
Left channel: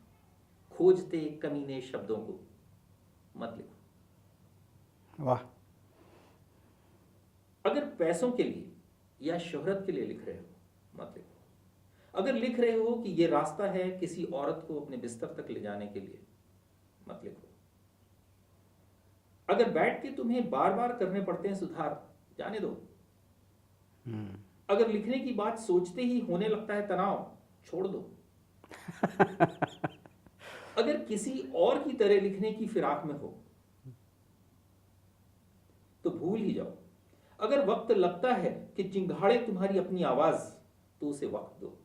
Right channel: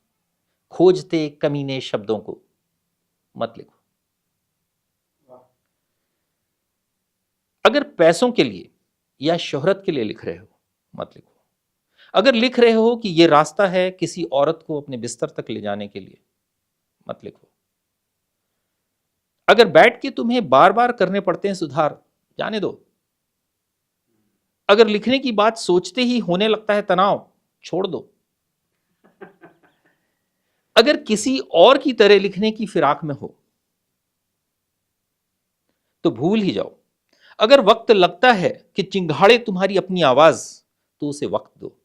खोजते कमीने शब्दों को, मत लिखो। वाह अगर पैसों के लिए या शोहरत के लिए लिख रहे हो, मत लिखो। अगर लिख रहे हो कि यह रास्ता है किसी औरत को अपने बिस्तर तक ले जाने के लिए, मत लिखो। अगर बैठ के तुम्हें बार बार करने पड़ते हैं सुधार, जाने दो। अगर लिखने की बात सोचते ही होने लगता है तनाव, छोड़ दो। अगर किसी और की तरह लिखने की फिराक में हो तो भूल ही जाओ। अगर वक्त लगता है कि चिंगाड़े तुम्हारी अपनी आवाज, तो उसे वक्त दो,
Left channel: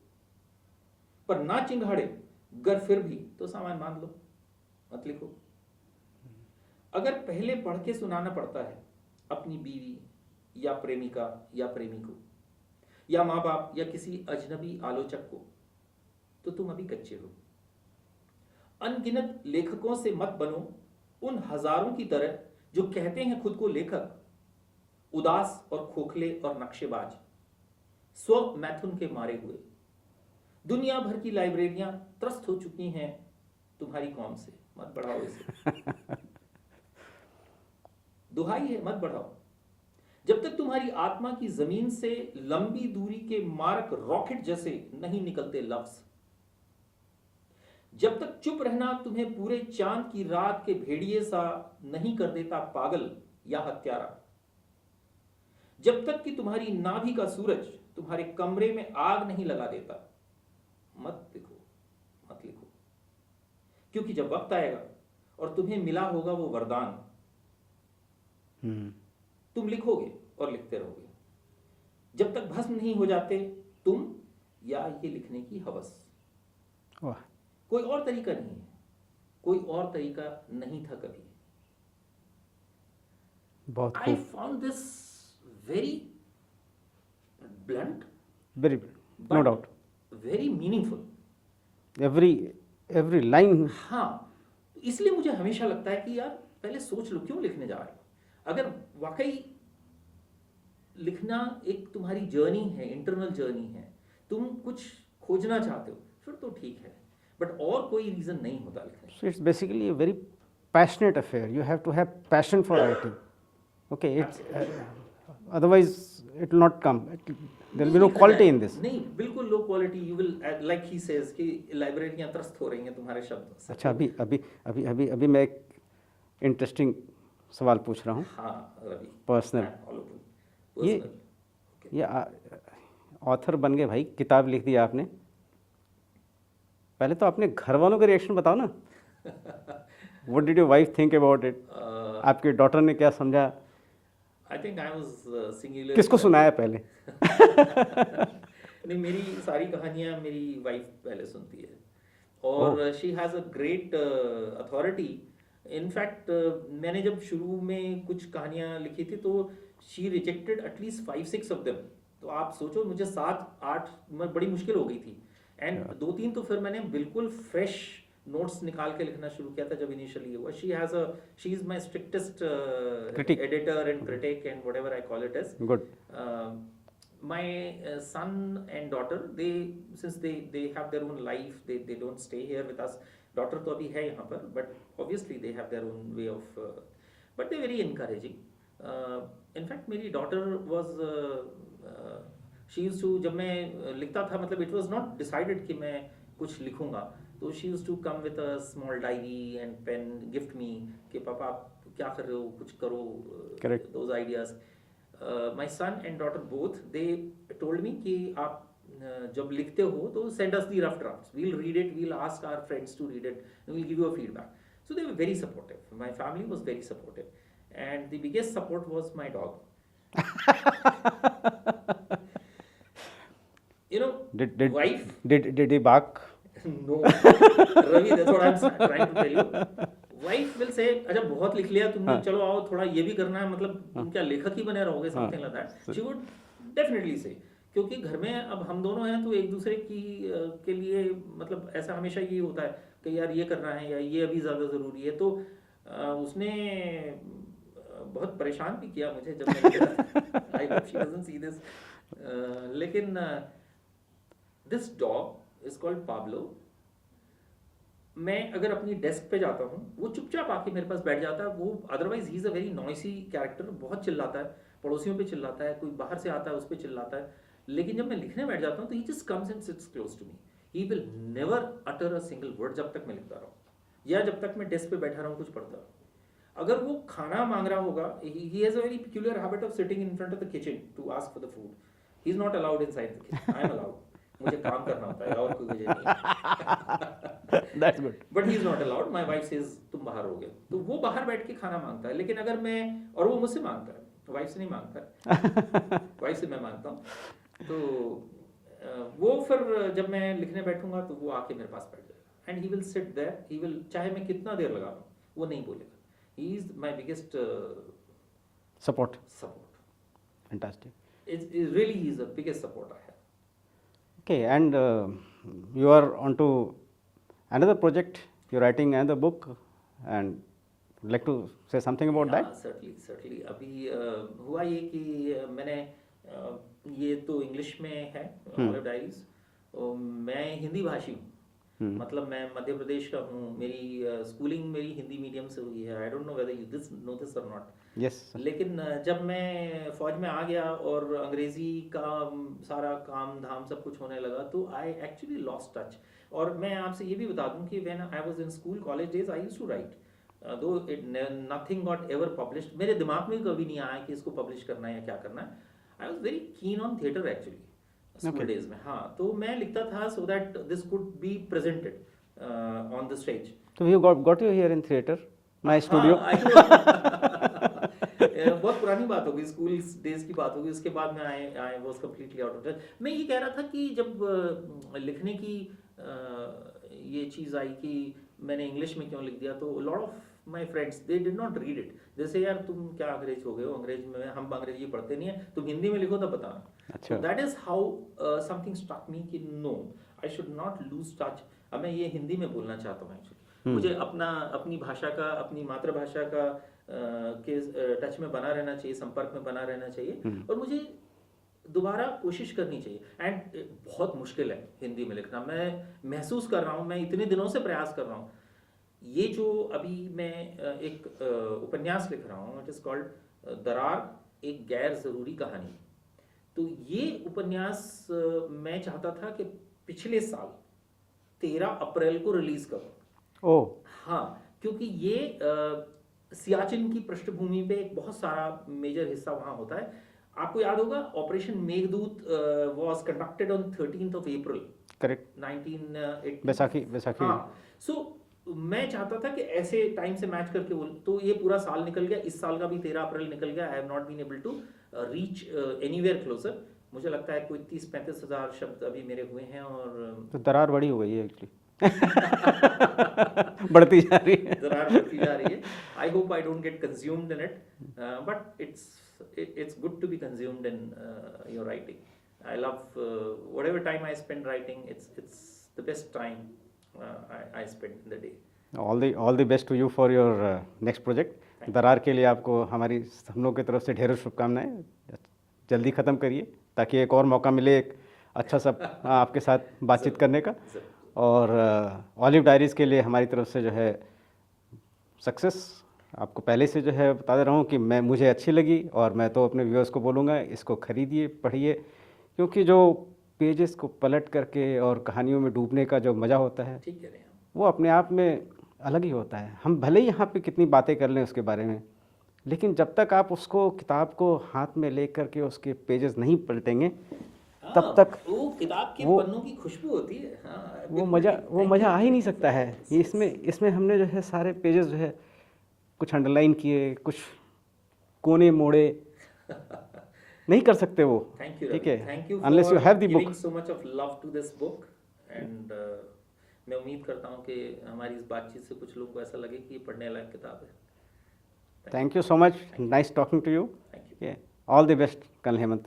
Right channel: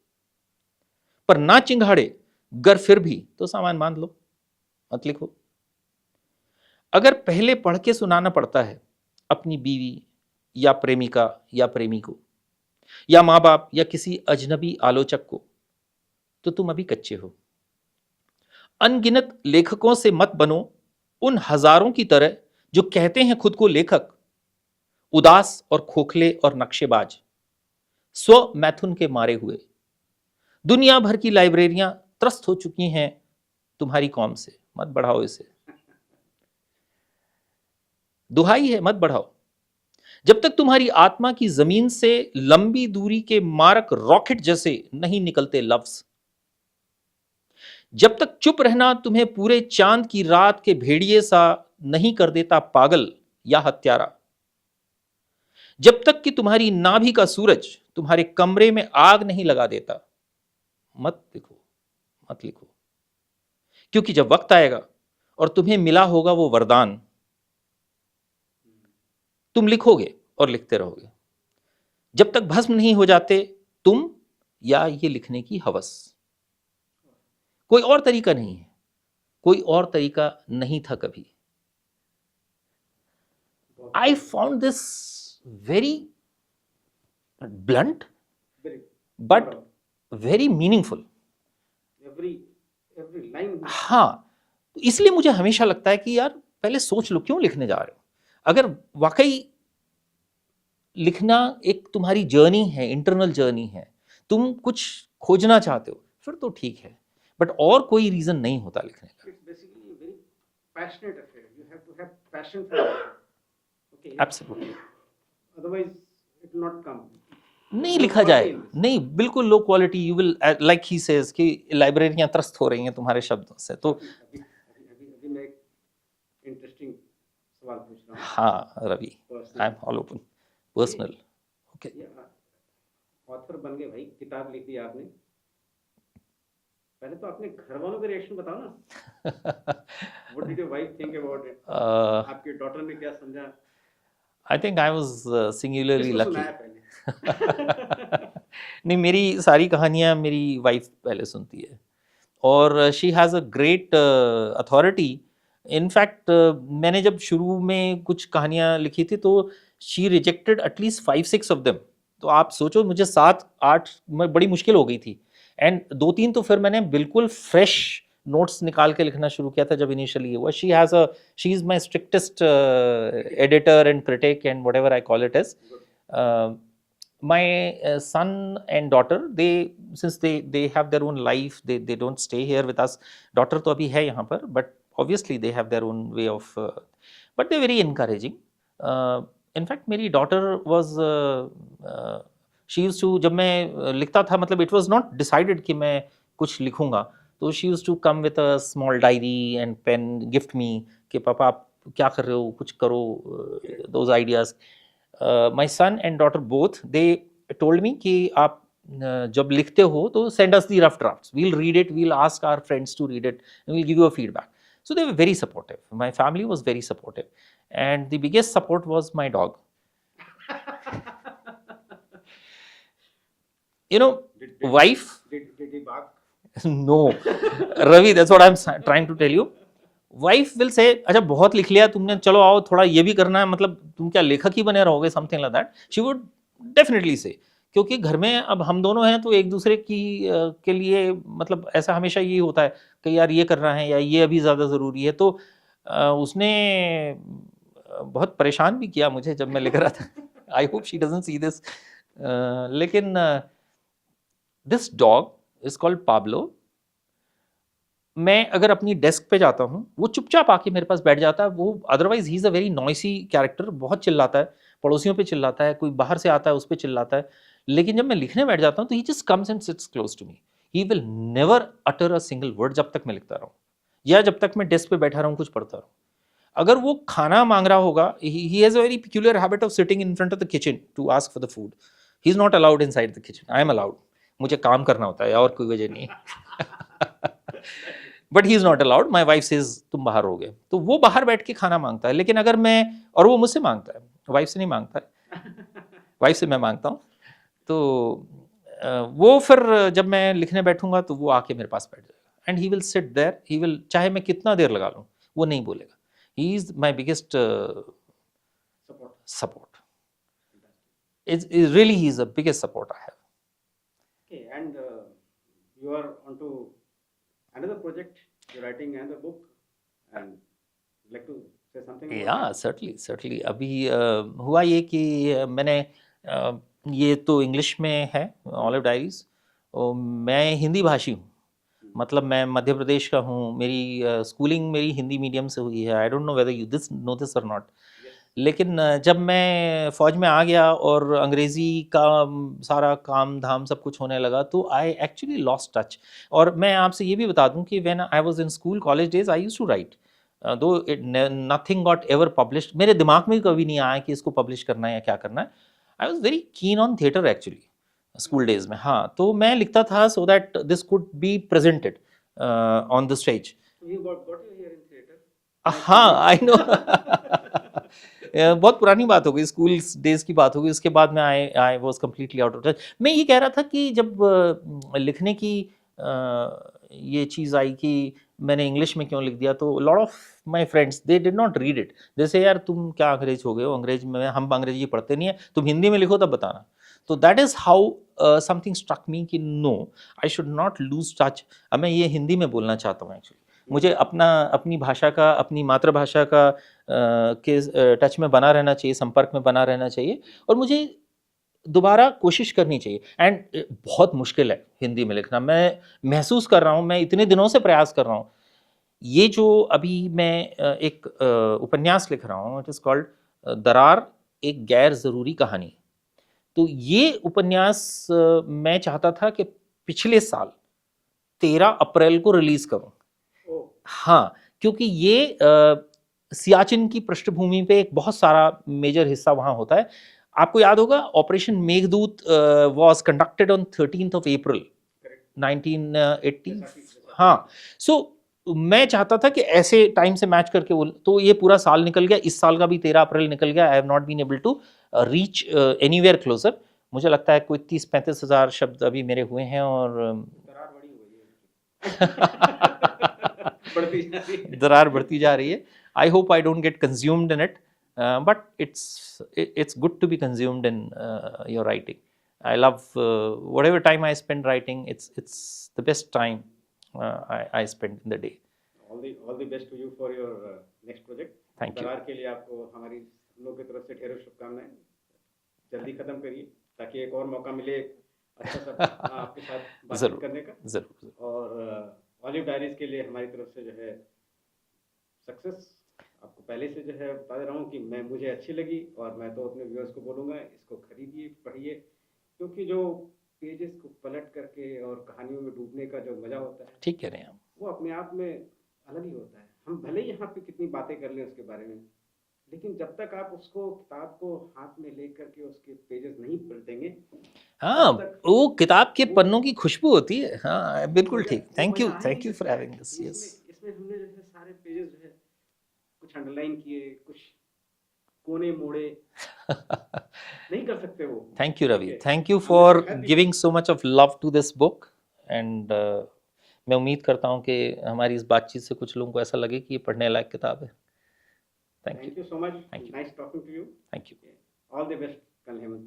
पर ना चिंगाड़े गर फिर भी तो सामान बांध लो, मत लिखो। अगर पहले पढ़ के सुनाना पड़ता है अपनी बीवी या प्रेमिका या प्रेमी को या माँ बाप या किसी अजनबी आलोचक को, तो तुम अभी कच्चे हो। अनगिनत लेखकों से मत बनो उन हजारों की तरह जो कहते हैं खुद को लेखक, उदास और खोखले और नक्शेबाज, स्व मैथुन के मारे हुए। दुनिया भर की लाइब्रेरियां त्रस्त हो चुकी हैं तुम्हारी कौम से, मत बढ़ाओ इसे। दुहाई है, मत बढ़ाओ। जब तक तुम्हारी आत्मा की जमीन से लंबी दूरी के मारक रॉकेट जैसे नहीं निकलते लफ्ज, जब तक चुप रहना तुम्हें पूरे चांद की रात के भेड़िए सा नहीं कर देता पागल या हत्यारा, जब तक कि तुम्हारी नाभि का सूरज तुम्हारे कमरे में आग नहीं लगा देता, मत लिखो, मत लिखो। क्योंकि जब वक्त आएगा और तुम्हें मिला होगा वो वरदान, तुम लिखोगे और लिखते रहोगे जब तक भस्म नहीं हो जाते तुम या ये लिखने की हवस। कोई और तरीका नहीं है, कोई और तरीका नहीं था कभी। I found this very blunt, very but very meaningful. Every line. हाँ, इसलिए मुझे हमेशा लगता है कि यार पहले सोच लो क्यों लिखने जा रहे हो। अगर वाकई लिखना एक तुम्हारी जर्नी है, इंटरनल जर्नी है, तुम कुछ खोजना चाहते हो, फिर तो ठीक है, बट और कोई रीजन नहीं होता लिखने। It's basically a very passionate affair. You have to have passion for writing. Okay, otherwise it will not come. नहीं लिखा जाए, नहीं, बिल्कुल low quality. You will, like he says कि लाइब्रेरियां त्रस्त हो रही हैं तुम्हारे शब्दों से। तो अभी अभी अभी अभी अभी मैं एक इंटरेस्टिंग सवाल पूछ रहा हूँ। हाँ Ravi, personal, I am all open. Personal, ये ऑथर बन गए भाई, किताब लिख दी आपने, पहले तो अपने घर वालों का रिएक्शन बताओ ना। What did your wife think about it? आपकी डॉटर ने क्या समझा? I think I was singularly किसको सुनाया पहले? नहीं, मेरी सारी कहानियाँ मेरी वाइफ पहले सुनती है और she has a great authority. In fact मैंने जब शुरू में कुछ कहानियाँ लिखी थी तो she rejected at least 5-6 of them. तो आप सोचो, मुझे 7-8 में बड़ी मुश्किल हो गई थी, एंड 2-3 तो फिर मैंने बिल्कुल फ्रेश नोट्स निकाल के लिखना शुरू किया था जब इनिशियली हुआ। She is my strictest editor and critic and whatever I call it as. Good. My son and daughter, since they have their own life, they don't stay here with us. Daughter तो अभी है यहाँ पर, but obviously they have their own way of, but they're very encouraging. In fact, मेरी daughter was, she used to, जब मैं लिखता था, मतलब it was not decided कि मैं कुछ लिखूँगा, तो she used to come with a small diary and pen, gift me कि पापा आप क्या कर रहे हो, कुछ करो, those ideas. My son and daughter both, they told me कि आप जब लिखते हो तो send us the rough drafts, we'll read it, we'll ask our friends to read it and we'll give you a feedback. So they were very supportive. My family was very supportive. And the biggest support was my dog. You know, wife. Did he bark? No. Ravi, that's what I'm trying to tell you. Wife will say, अच्छा बहुत लिख लिया तुमने, चलो आओ थोड़ा ये भी करना है, मतलब तुम क्या लेखक ही बने रहोगे, something like that. She would definitely say. क्योंकि घर में अब हम दोनों हैं तो एक दूसरे की के लिए मतलब ऐसा हमेशा यही होता है कि यार ये करना है या ये अभी ज़्यादा ज़रूरी है, तो उसने बहुत परेशान भी किया मुझे जब मैं लिख रहा था. I hope she doesn't see this. लेकिन this dog is called Pablo. मैं अगर अपनी डेस्क पे जाता हूँ, वो चुपचाप आके मेरे पास बैठ जाता है. वो otherwise he is a very noisy character, बहुत चिल्लाता है, पड़ोसियों पे चिल्लाता है, कोई बाहर से आता है उस पर चिल्लाता है. लेकिन जब मैं लिखने बैठ जाता हूँ तो he just comes and sits close to me. He will never utter a single word जब तक मैं लिखता रहूँ या जब तक मैं डेस्क पे बैठा रहूँ कुछ पढ़ता रहूँ. अगर वो खाना मांग रहा होगा, he has a very peculiar habit of sitting in front of the kitchen to ask for the food. He is not allowed inside the kitchen. I am allowed. मुझे काम करना होता है और कोई वजह नहीं है. But he is not allowed. My wife says तुम बाहर हो गए, तो वो बाहर बैठ के खाना मांगता है. लेकिन अगर मैं, और वो मुझसे मांगता है, वाइफ से नहीं मांगता है. वाइफ से मैं मांगता हूँ. तो वो फिर जब मैं लिखने बैठूंगा तो वो आके मेरे पास बैठ जाएगा. And he will sit there. He will, चाहे मैं कितना देर लगा लूँ, वो नहीं बोलेगा. He is my biggest Support. Fantastic. It's really, he's the biggest support I have. Okay, and you are onto another project. You're writing another book, and would like to say something about Yeah, that? certainly. अभी हुआ ये कि मैंने ये तो English में है, olive diaries. मैं हिंदी भाषी हूँ. मतलब मैं मध्य प्रदेश का हूँ. मेरी स्कूलिंग मेरी हिंदी मीडियम से हुई है. I don't know whether you this know this और नॉट. Yes. लेकिन जब मैं फ़ौज में आ गया और अंग्रेज़ी का सारा काम धाम सब कुछ होने लगा, तो आई एक्चुअली लॉस्ट टच. और मैं आपसे ये भी बता दूं कि when I was in school college days I used to write, though nothing got ever published. मेरे दिमाग में कभी नहीं आया कि इसको पब्लिश करना है या क्या करना है. I was very keen on theatre actually school days में. हाँ, तो मैं लिखता था so that this could be presented on the stage. So you got you here in theatre. My हाँ, studio. I know. बहुत पुरानी बात हो गई, स्कूल डेज की बात हो गई. उसके बाद में I was completely out of touch. मैं ये कह रहा था कि जब लिखने की ये चीज़ आई कि मैंने इंग्लिश में क्यों लिख दिया, तो lot of my friends they did not read it. जैसे यार तुम क्या अंग्रेज हो गए हो, अंग्रेज में हम अंग्रेजी पढ़ते नहीं है, तुम हिंदी में लिखो तब बताना. तो that is how something struck me कि no, I should not lose touch. अब मैं ये हिंदी में बोलना चाहता हूँ एक्चुअली. मुझे अपनी भाषा का, अपनी मातृभाषा का के टच में बना रहना चाहिए, संपर्क में बना रहना चाहिए. और मुझे दोबारा कोशिश करनी चाहिए. एंड बहुत मुश्किल है हिंदी में लिखना. मैं महसूस कर रहा हूँ, मैं इतने दिनों से प्रयास कर रहा हूँ. ये जो अभी मैं एक उपन्यास लिख रहा हूँ, इट इज़ कॉल्ड दरार, एक गैर ज़रूरी कहानी. तो ये उपन्यास मैं चाहता था कि पिछले साल 13 अप्रैल को रिलीज़ करूँ. ओह. हाँ, क्योंकि ये सियाचिन की पृष्ठभूमि पे एक बहुत सारा मेजर हिस्सा वहाँ होता है. आपको याद होगा operation Meghdoot was conducted on 13th of April. Correct. 1980. Baisakhi. हाँ, सो मैं चाहता था कि ऐसे टाइम से मैच करके वो, तो ये पूरा साल निकल गया. इस साल का भी 13 अप्रैल निकल गया. I have not been able to reach anywhere closer. मुझे लगता है कोई 30-35 हज़ार शब्द अभी मेरे हुए हैं. और तो दरार बड़ी हो गई है एक्चुअली. बढ़ती जा रही है. दरार बढ़ती जा रही है. I hope I don't get consumed in it, but it's good to be consumed in your writing. I love whatever time I spend writing. It's the best time I spend in the day. All the best to you for your next project. Thank you. दरार के लिए आपको हमारी हम लोग की तरफ से ढेरों शुभकामनाएं. जल्दी ख़त्म करिए ताकि एक और मौका मिले एक अच्छा सा आपके साथ बातचीत करने का. और ऑलिव डायरीज़ के लिए हमारी तरफ से जो है सक्सेस. आपको पहले से जो है बता दे रहा हूँ कि मुझे अच्छी लगी, और मैं तो अपने व्यूअर्स को बोलूँगा इसको खरीदिए, पढ़िए, क्योंकि जो पेजेस को पलट करके और कहानियों में डूबने का जो मज़ा होता है, ठीक कह रहे हैं, वो अपने आप में अलग ही होता है. हम भले ही यहाँ पे कितनी बातें कर लें उसके बारे में, लेकिन जब तक आप उसको किताब को हाथ में ले करके उसके पेजेस नहीं पलटेंगे, हाँ, तब तक वो किताब के पन्नों की खुशबू होती है। हाँ, बिल्कुल मज़ा ठीक। वो थैंक यू, मज़ा आ ही नहीं थैंक यू सकता है। ये इसमें हमने जो है सारे पेजेस जो है कुछ अंडरलाइन किए, कुछ कोने मोड़े, नहीं कर सकते वो। थैंक यू ठीक रवि, है, thank you unless for you have the giving book। So much of love to this book and मैं उम्मीद करता हूँ कि हमारी इस बातचीत से कुछ लोगों को ऐसा लगे कि ये पढ़ने लायक किताब है। Thank you so much. Nice talking to you. Thank you. Yeah. All the best, Kanal Hemant.